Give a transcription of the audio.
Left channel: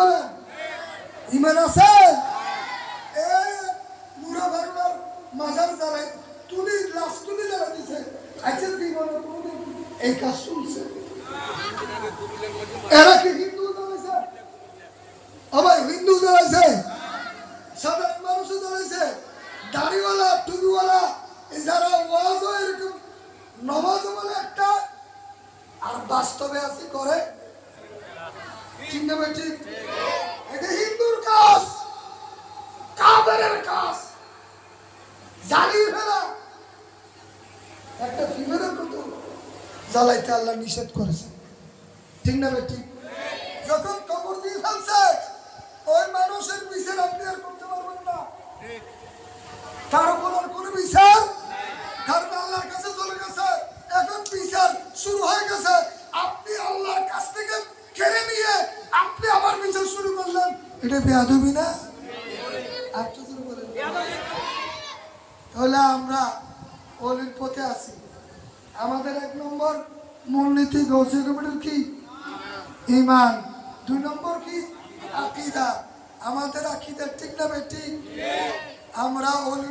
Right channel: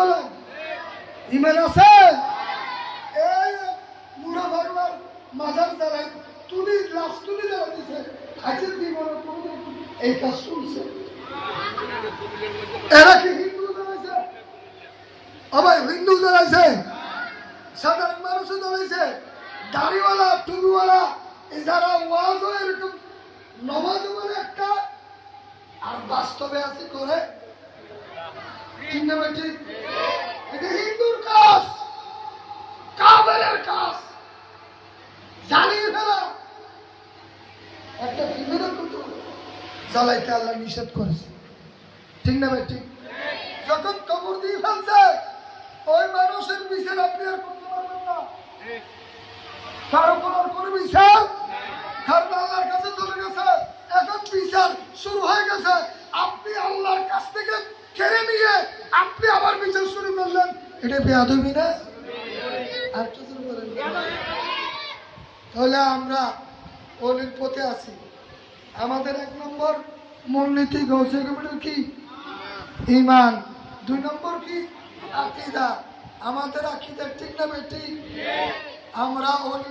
বলেন? ইমান আছে? এই মুরা ভাগনার মাজার জ্বালাই তুলি লাশ তুলি জ্বালা দিছে, আজকে জীবনে কোনোদিন এই কাজ শুনছে? এরা কি হিন্দু জ্বালাইছে? আবার হিন্দু জ্বালাইছে, সাধারণ মানুষও জ্বালাইছে, দাড়িওয়ালা টুপিওয়ালা যারা ওয়াজও এরকম নমাজ বলে একটা, আর বাস্তবে আছে করে। ঠিক না ভাই? ঠিক। এটা হিন্দুর কাজ, কাফেরের কাজ, জ্বালিয়ে ফেলা। একটা ফিমেরও কিন্তু জ্বালাইতে আল্লাহ নিষেধ করেছে। ঠিক না ভাই? ঠিক। যখন কবর দিয়ে ফেলছে ওই মানুষের বিচার আপনি আর করতে পারবেন না, তার উপর আর কোনো বিচার, কারণ আল্লাহর কাছে চলে গেছে। এখন বিচার শুরু হয়ে গেছে, আপনি আল্লাহর কাছ থেকে কেড়ে নিয়ে আপনি আবার বিচার শুরু করলেন, এটা বেয়াদবি না? তাহলে আমরা ওলির পথে আছি। আমাদের 1 নম্বর মূলনীতি গৌসে কমিটির কি? ঈমান। 2 নম্বর কি? আকীদা। আমাদের আকীদা ঠিক না বেঠিক? আমরা ওলি